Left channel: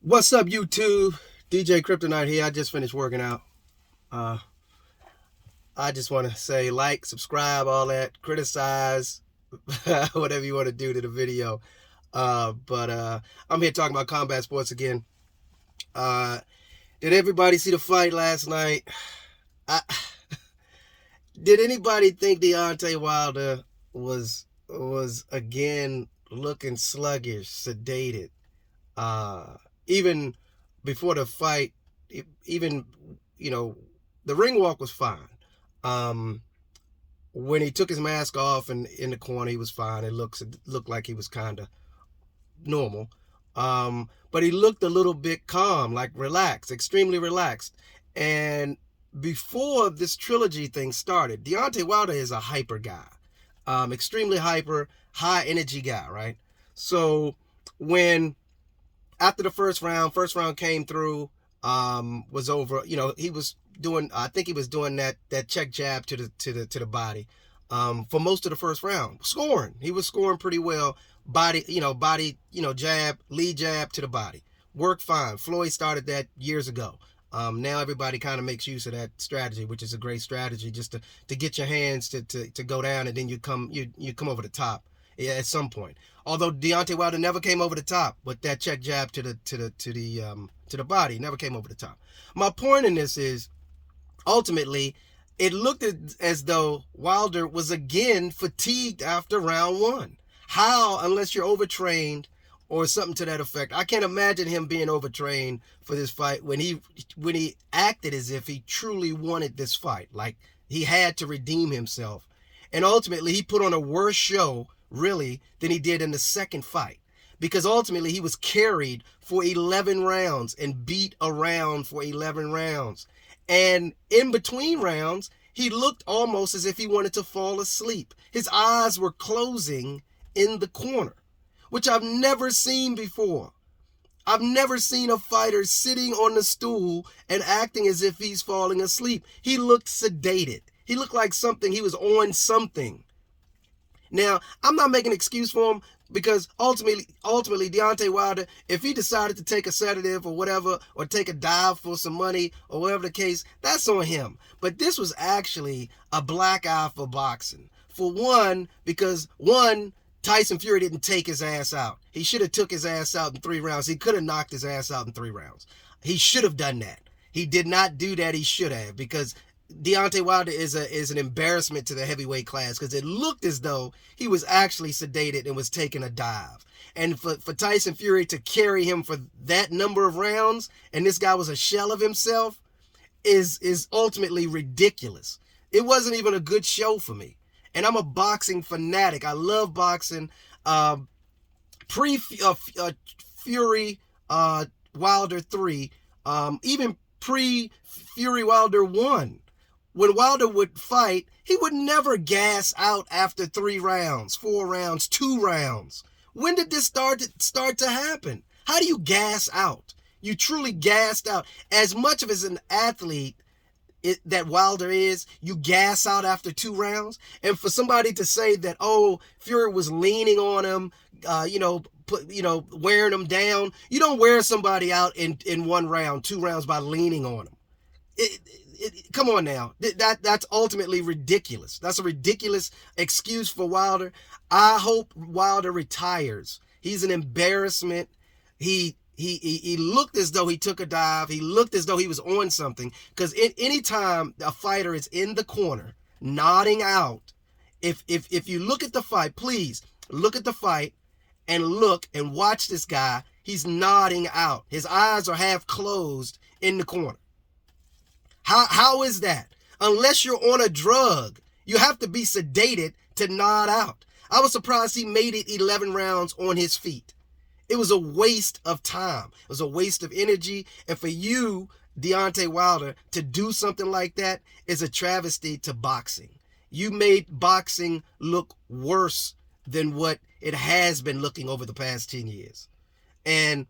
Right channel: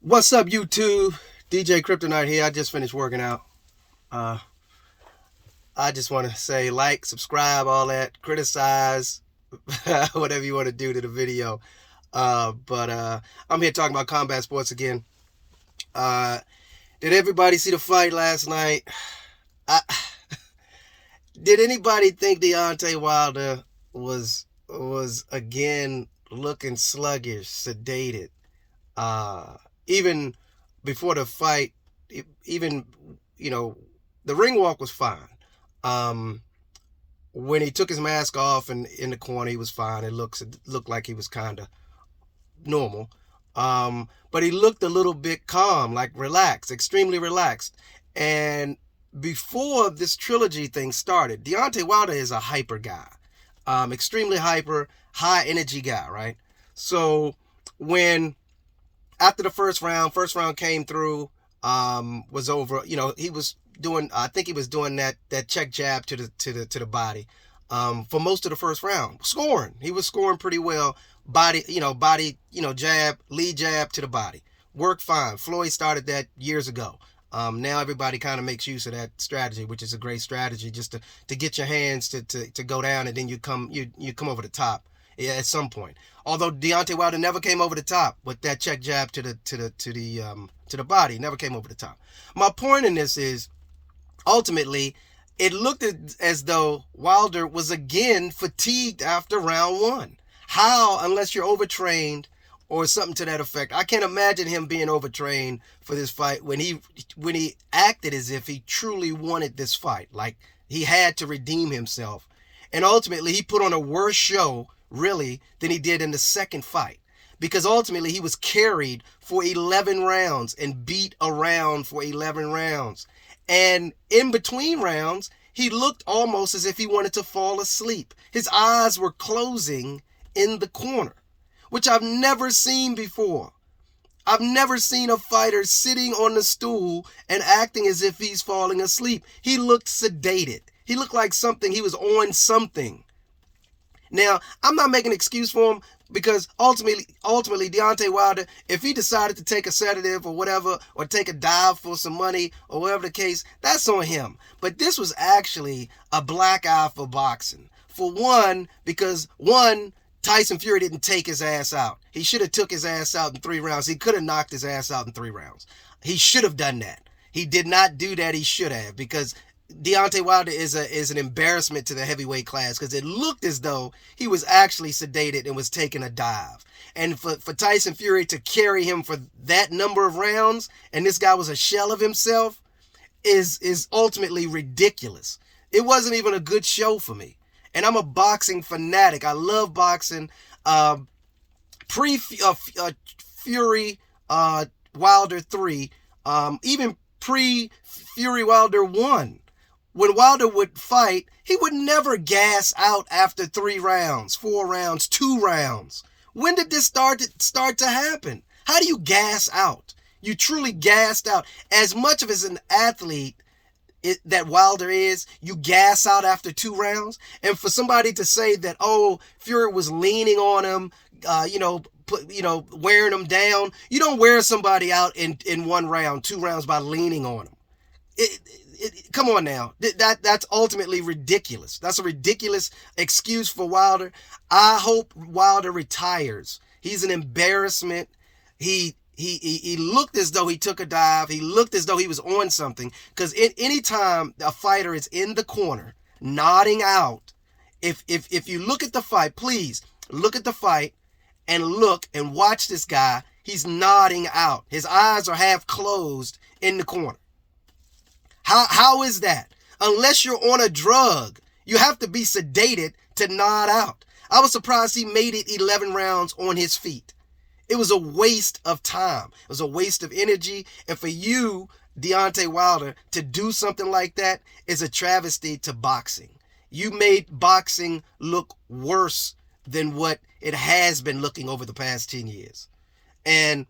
What's up, YouTube? DJ Kryptonite here. I just finished working out. Uh, I just want to say like, subscribe, all that, criticize, whatever you want to do to the video. But I'm here talking about combat sports again. Uh, did everybody see the fight last night? I, did anybody think Deontay Wilder was again looking sluggish, sedated? Even before the fight, even you know, the ring walk was fine. Um, when he took his mask off and in the corner, he was fine. It looked like he was kind of normal. But he looked a little bit calm, like relaxed, extremely relaxed. And before this trilogy thing started, Deontay Wilder is a hyper guy, extremely hyper, high energy guy, right? So when after the first round came through, was over. He was doing. I think he was doing that check jab to the body, for most of the first round, scoring. He was scoring pretty well. Body, jab, lead jab to the body. Worked fine. Floyd started that years ago. Now everybody kind of makes use of that strategy, which is a great strategy, just to get your hands to go down, and then you come over the top, yeah, at some point. Although Deontay Wilder never came over the top with that check jab to the body, never came over the top. My point in this is, ultimately, it looked as though Wilder was again fatigued after round one. How, unless you're overtrained or something to that effect? I can't imagine him being overtrained for this fight when he acted as if he truly wanted this fight, like he had to redeem himself, and ultimately he put on a worse show, really, than he did in the second fight, because ultimately he was carried for 11 rounds and beat around for 11 rounds. And in between rounds, he looked almost as if he wanted to fall asleep. His eyes were closing in the corner, which I've never seen before. I've never seen a fighter sitting on the stool and acting as if he's falling asleep. He looked sedated. He looked like he was on something. Now, I'm not making an excuse for him, because ultimately, Deontay Wilder, if he decided to take a sedative or whatever, or take a dive for some money or whatever the case, that's on him. But this was actually a black eye for boxing. For one, because Tyson Fury didn't take his ass out. He should have took his ass out in 3 rounds. He could have knocked his ass out in 3 rounds. He should have done that. He did not do that. He should have, because Deontay Wilder is an embarrassment to the heavyweight class, because it looked as though he was actually sedated and was taking a dive. And for Tyson Fury to carry him for that number of rounds, and this guy was a shell of himself, is ultimately ridiculous. It wasn't even a good show for me. And I'm a boxing fanatic. I love boxing. Fury Wilder 3, even pre-Fury Wilder 1. When Wilder would fight, he would never gas out after 3 rounds, 4 rounds, 2 rounds. When did this start to happen? How do you gas out? You truly gassed out. As much of as an athlete that Wilder is, you gas out after 2 rounds. And for somebody to say that, oh, Fury was leaning on him, wearing him down. You don't wear somebody out in 1 round, 2 rounds by leaning on him. Come on now. That's ultimately ridiculous. That's a ridiculous excuse for Wilder. I hope Wilder retires. He's an embarrassment. He looked as though he took a dive. He looked as though he was on something. Because any time a fighter is in the corner, nodding out, if you look at the fight, please look at the fight and look and watch this guy. He's nodding out. His eyes are half closed in the corner. How is that? Unless you're on a drug, you have to be sedated to nod out. I was surprised he made it 11 rounds on his feet. It was a waste of time. It was a waste of energy. And for you, Deontay Wilder, to do something like that is a travesty to boxing. You made boxing look worse than what it has been looking over the past 10 years. And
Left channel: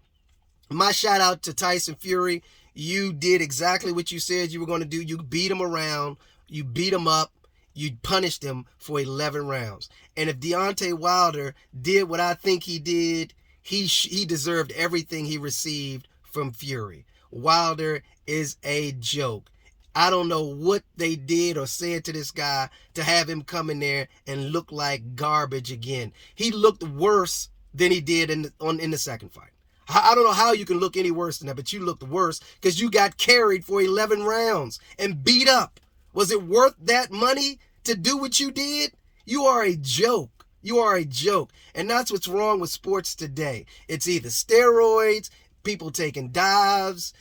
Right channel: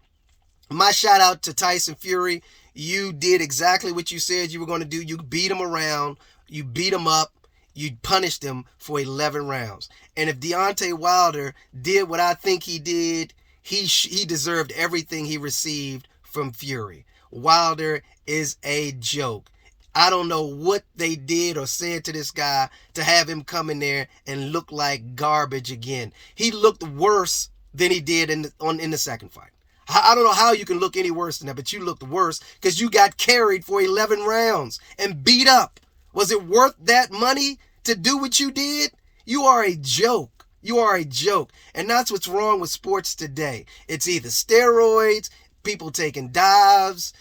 my shout out to Tyson Fury. You did exactly what you said you were going to do. You beat him around. You beat him up. You punished him for 11 rounds. And if Deontay Wilder did what I think he did, he deserved everything he received from Fury. Wilder is a joke. I don't know what they did or said to this guy to have him come in there and look like garbage again. He looked worse than he did in the second fight. I don't know how you can look any worse than that, but you looked worse because you got carried for 11 rounds and beat up. Was it worth that money to do what you did? You are a joke. You are a joke. And that's what's wrong with sports today. It's either steroids, people taking dives.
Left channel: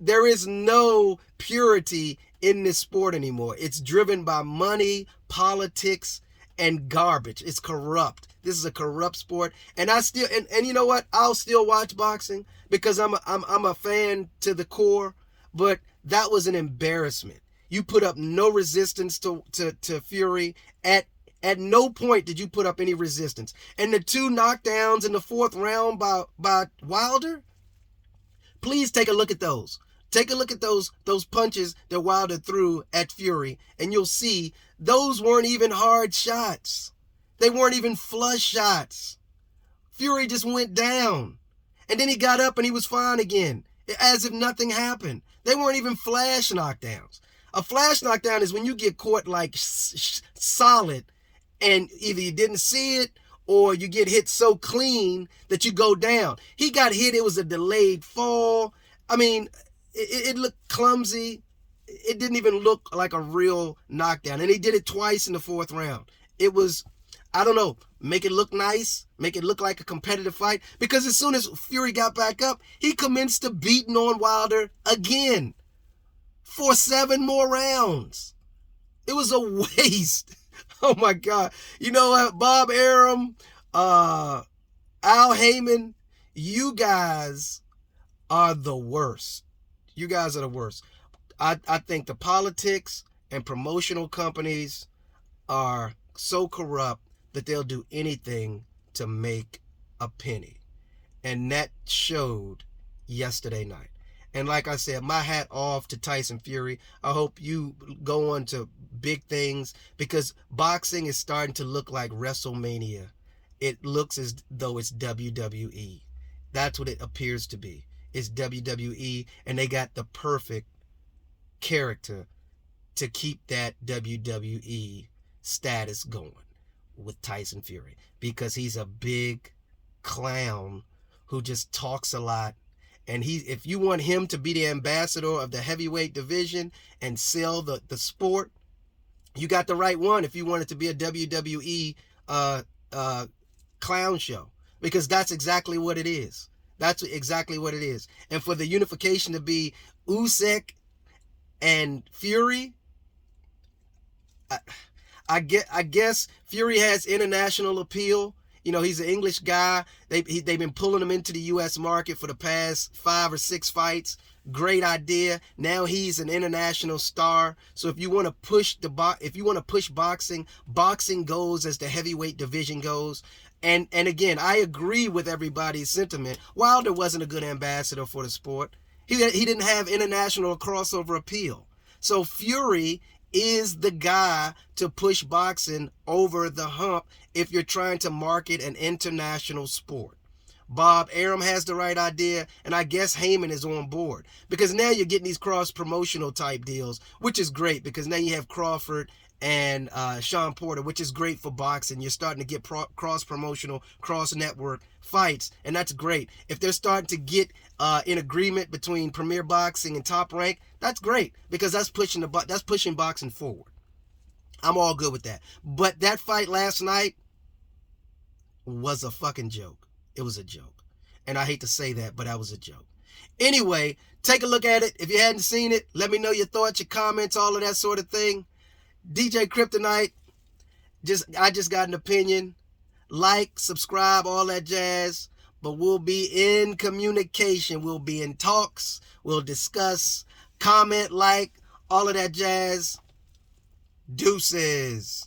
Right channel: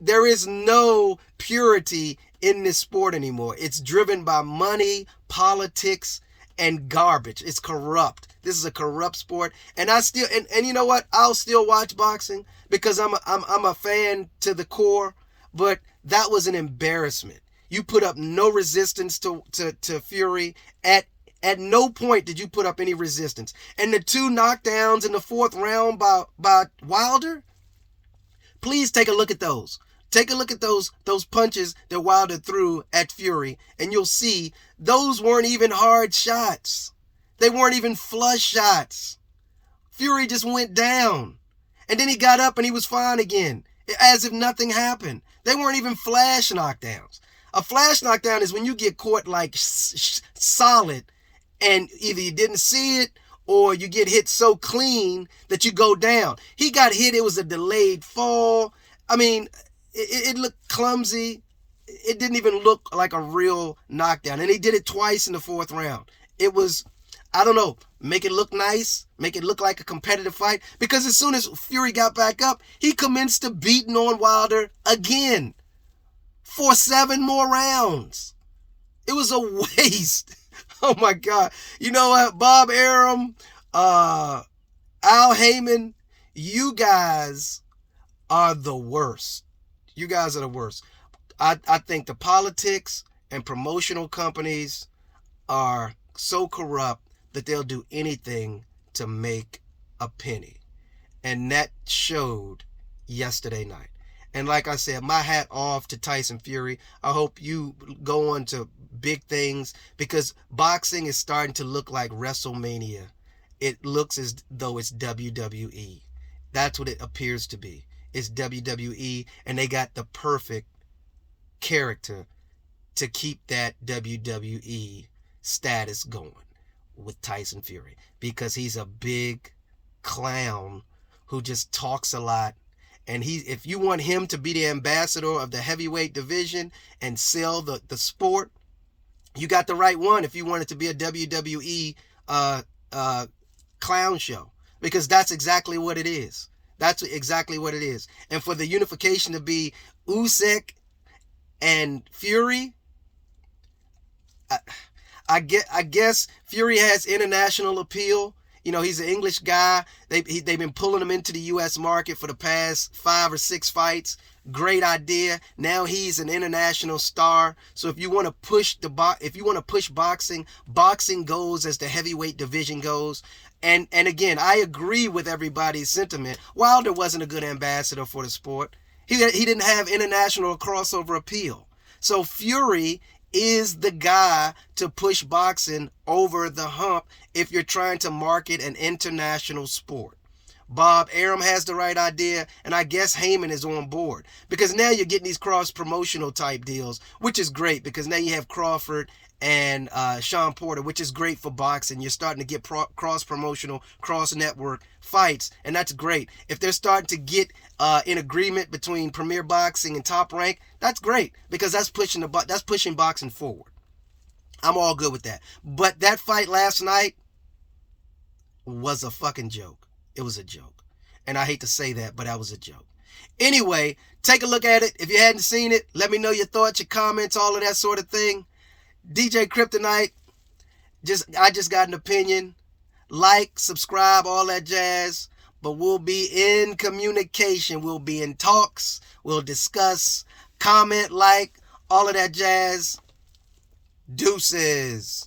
There is no purity in this sport anymore. It's driven by money, politics, and garbage. It's corrupt. This is a corrupt sport. And I still, and you know what? I'll still watch boxing because I'm a fan to the core, but that was an embarrassment. You put up no resistance to Fury. At no point did you put up any resistance. And the 2 knockdowns in the 4th round by Wilder, please take a look at those. Take a look at those punches that Wilder threw at Fury, and you'll see those weren't even hard shots. They weren't even flush shots. Fury just went down. And then he got up and he was fine again, as if nothing happened. They weren't even flash knockdowns. A flash knockdown is when you get caught like solid, and either you didn't see it or you get hit so clean that you go down. He got hit. It was a delayed fall. I mean, it looked clumsy. It didn't even look like a real knockdown. And he did it twice in the 4th round. It was, I don't know, make it look nice, make it look like a competitive fight. Because as soon as Fury got back up, he commenced to beating on Wilder again for 7 more rounds. It was a waste. Oh my God. You know what? Bob Arum, Al Heyman, you guys are the worst. You guys are the worst. I think the politics and promotional companies are so corrupt that they'll do anything to make a penny. And that showed yesterday night. And like I said, my hat off to Tyson Fury. I hope you go on to big things because boxing is starting to look like WrestleMania. It looks as though it's WWE. That's what it appears to be. It's WWE, and they got the perfect character to keep that WWE status going with Tyson Fury because he's a big clown who just talks a lot. And if you want him to be the ambassador of the heavyweight division and sell the sport, you got the right one if you want it to be a WWE clown show. Because that's exactly what it is. That's exactly what it is. And for the unification to be Usyk and Fury, I guess Fury has international appeal. You know, he's an English guy. They've been pulling him into the U.S. market for the past 5 or 6 fights. Great idea. Now he's an international star. So if you want to push boxing, boxing goes as the heavyweight division goes. And again, I agree with everybody's sentiment. Wilder wasn't a good ambassador for the sport. He didn't have international crossover appeal. So Fury is the guy to push boxing over the hump if you're trying to market an international sport. Bob Arum has the right idea, and I guess Heyman is on board. Because now you're getting these cross-promotional type deals, which is great because now you have Crawford and Sean Porter, which is great for boxing. You're starting to get cross-promotional, cross-network fights, and that's great. If they're starting to get in agreement between Premier Boxing and Top Rank, that's great because that's pushing boxing forward. I'm all good with that. But that fight last night was a fucking joke. It was a joke. And I hate to say that, but that was a joke. Anyway, take a look at it. If you hadn't seen it, let me know your thoughts, your comments, all of that sort of thing. DJ Kryptonite, I just got an opinion. Like, subscribe, all that jazz. But we'll be in communication. We'll be in talks. We'll discuss, comment, like, all of that jazz. Deuces.